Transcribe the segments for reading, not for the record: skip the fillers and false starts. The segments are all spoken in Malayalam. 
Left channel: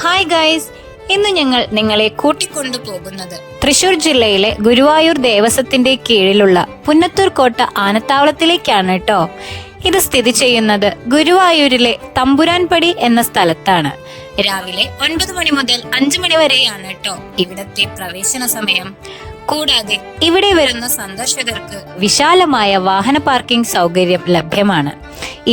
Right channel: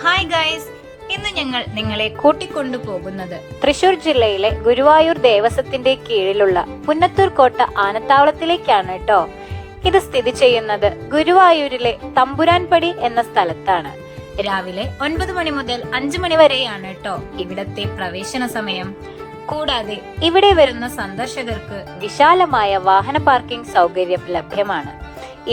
ഹായ് ഗൈസ്, ഇന്ന് ഞങ്ങൾ നിങ്ങളെ കൂട്ടിക്കൊണ്ടു പോകുന്നത് തൃശൂർ ജില്ലയിലെ ഗുരുവായൂർ ദേവസ്വത്തിന്റെ കീഴിലുള്ള പുന്നത്തൂർ കോട്ട ആനത്താവളത്തിലേക്കാണ് കേട്ടോ. ഇത് സ്ഥിതി ചെയ്യുന്നത് ഗുരുവായൂരിലെ തമ്പുരാൻപടി എന്ന സ്ഥലത്താണ്. രാവിലെ 9 മണി മുതൽ 5 മണി വരെയാണ് കേട്ടോ ഇവിടത്തെ പ്രവേശന സമയം. കൂടാതെ ഇവിടെ വരുന്ന സന്ദർശകർക്ക് വിശാലമായ വാഹന പാർക്കിംഗ് സൗകര്യം ലഭ്യമാണ്.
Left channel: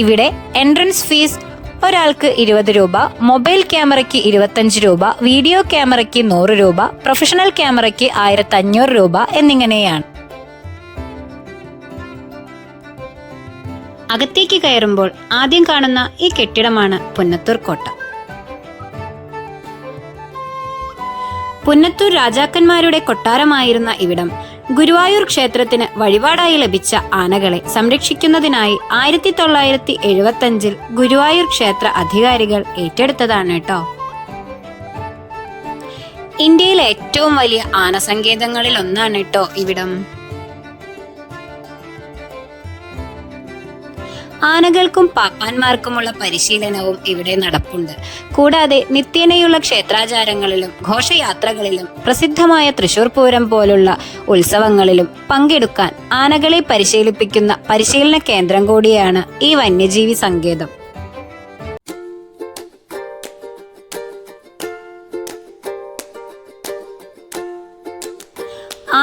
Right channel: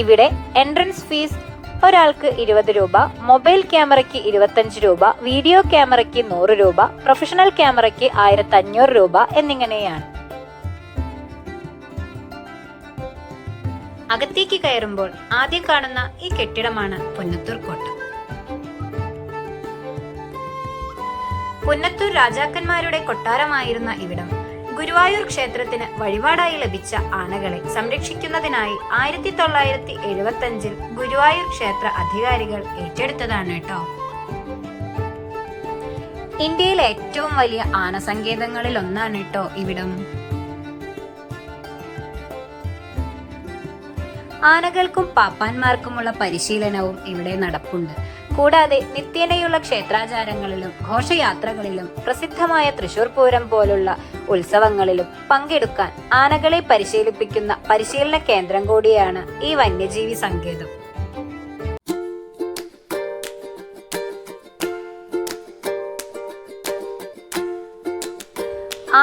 ഇവിടെ എൻട്രൻസ് ഫീസ് ഒരാൾക്ക് 20 രൂപ, മൊബൈൽ ക്യാമറയ്ക്ക് 25 രൂപ, വീഡിയോ ക്യാമറയ്ക്ക് 100 രൂപ, പ്രൊഫഷണൽ ക്യാമറയ്ക്ക് 1500 രൂപ എന്നിങ്ങനെയാണ്. അകത്തേക്ക് കയറുമ്പോൾ ആദ്യം കാണുന്ന ഈ കെട്ടിടമാണ് പുന്നത്തൂർ കോട്ട. പുന്നത്തൂർ രാജാക്കന്മാരുടെ കൊട്ടാരമായിരുന്ന ഇവിടം ഗുരുവായൂർ ക്ഷേത്രത്തിന് വഴിപാടായി ലഭിച്ച ആനകളെ സംരക്ഷിക്കുന്നതിനായി 1975 ഗുരുവായൂർ ക്ഷേത്ര അധികാരികൾ ഏറ്റെടുത്തതാണ് കേട്ടോ. ഇന്ത്യയിലെ ഏറ്റവും വലിയ ആനസങ്കേതങ്ങളിൽ ഒന്നാണ് കേട്ടോ ഇവിടം. ആനകൾക്കും പാപ്പാന്മാർക്കുമുള്ള പരിശീലനവും ഇവിടെ നടപ്പുണ്ട്. കൂടാതെ നിത്യേനയുള്ള ക്ഷേത്രാചാരങ്ങളിലും ഘോഷയാത്രകളിലും പ്രസിദ്ധമായ തൃശൂർ പൂരം പോലുള്ള ഉത്സവങ്ങളിലും പങ്കെടുക്കാൻ ആനകളെ പരിശീലിപ്പിക്കുന്ന പരിശീലന കേന്ദ്രം കൂടിയാണ് ഈ വന്യജീവി സങ്കേതം.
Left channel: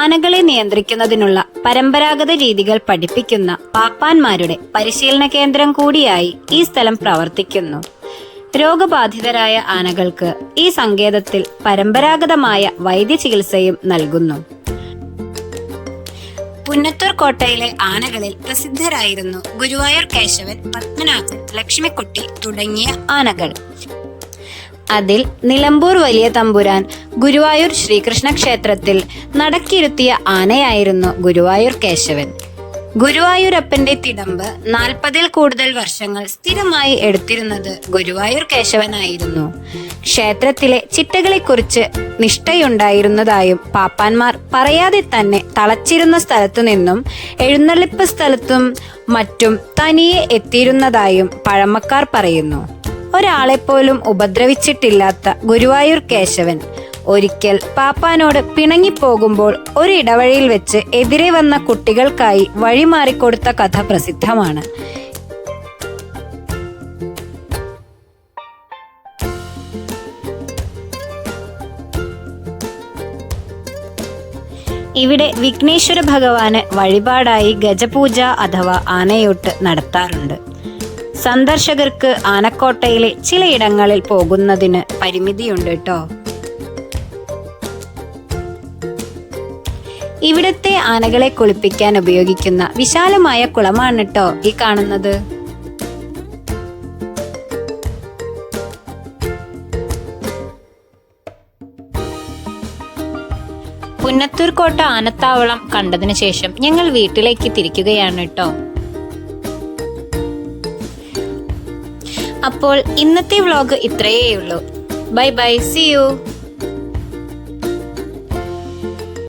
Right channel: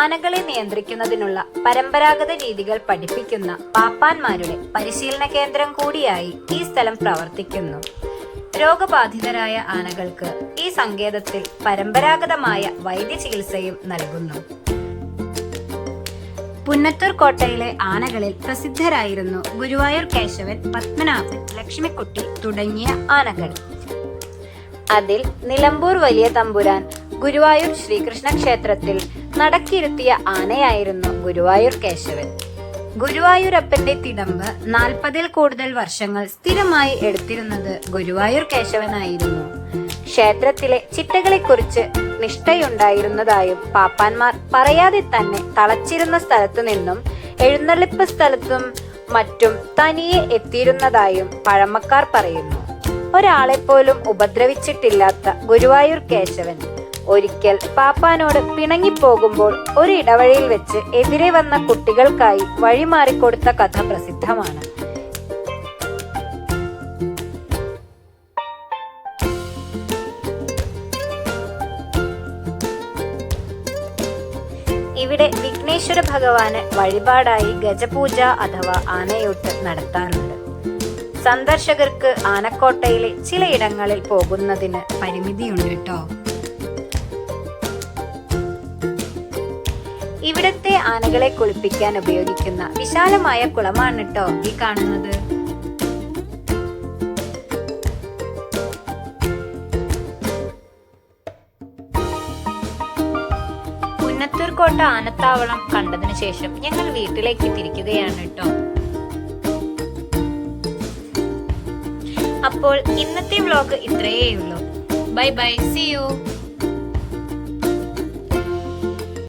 ആനകളെ നിയന്ത്രിക്കുന്നതിനുള്ള പരമ്പരാഗത രീതികൾ പഠിപ്പിക്കുന്ന പാപ്പാന്മാരുടെ പരിശീലന കേന്ദ്രം കൂടിയായി ഈ സ്ഥലം പ്രവർത്തിക്കുന്നു. രോഗബാധിതരായ ആനകൾക്ക് ഈ സങ്കേതത്തിൽ പരമ്പരാഗതമായ വൈദ്യചികിത്സയും നൽകുന്നു. പുന്നത്തൂർ കോട്ടയിലെ ആനകളിൽ പ്രസിദ്ധരായിരുന്നു ഗുരുവായൂർ കേശവൻ, പത്മനാഭൻ, ലക്ഷ്മിക്കുട്ടി തുടങ്ങിയ ആനകൾ. അതിൽ നിലമ്പൂർ വലിയ തമ്പുരാൻ ഗുരുവായൂർ ശ്രീകൃഷ്ണ ക്ഷേത്രത്തിൽ നടക്കിരുത്തിയ ആനയായിരുന്നു ഗുരുവായൂർ കേശവൻ. ഗുരുവായൂരപ്പന്റെ തിടമ്പ് 40-ൽ കൂടുതൽ വർഷങ്ങൾ സ്ഥിരമായി എടുത്തിരുന്നത് ഗുരുവായൂർ കേശവനായിരുന്നു. ക്ഷേത്രത്തിലെ ചിട്ടകളെക്കുറിച്ച് നിഷ്ഠയുണ്ടായിരുന്നതായും പാപ്പാന്മാർ പറയാതെ തന്നെ തളച്ചിരുന്ന സ്ഥലത്തു നിന്നും എഴുന്നള്ളിപ്പ് സ്ഥലത്തും മറ്റും തനിയെ എത്തിയിരുന്നതായും പഴമക്കാർ പറയുന്നു. ഒരാളെപ്പോലും ഉപദ്രവിച്ചിട്ടില്ലാത്ത ഗുരുവായൂർ കേശവൻ ഒരിക്കൽ പാപ്പാനോട് പിണങ്ങിപ്പോകുമ്പോൾ ഒരിടവഴിയിൽ വെച്ച് എതിരെ വന്ന കുട്ടികൾക്കായി വഴിമാറിക്കൊടുത്ത കഥ പ്രസിദ്ധമാണ്. ഇവിടെ വിഘ്നേശ്വര ഭഗവാന് വഴിപാടായി ഗജപൂജ അഥവാ ആനയൂട്ട് നടത്താറുണ്ട്. സന്ദർശകർക്ക് ആനക്കോട്ടയിലെ ചിലയിടങ്ങളിൽ പോകുന്നതിന് പരിമിതിയുണ്ട് കേട്ടോ. ഇവിടത്തെ ആനകളെ കുളിപ്പിക്കാൻ ഉപയോഗിക്കുന്ന വിശാലമായ കുളമാണ് കേട്ടോ ഈ കാണുന്നത്. പുന്നത്തൂർ കോട്ട ആനത്താവളം കണ്ടതിനു ശേഷം ഞങ്ങൾ വീട്ടിലേക്ക് തിരിക്കുകയാണ് കേട്ടോ. അപ്പോൾ ഇന്നത്തെ വ്ലോഗ് ഇത്രയേ ഉള്ളൂ. Bye bye, see U.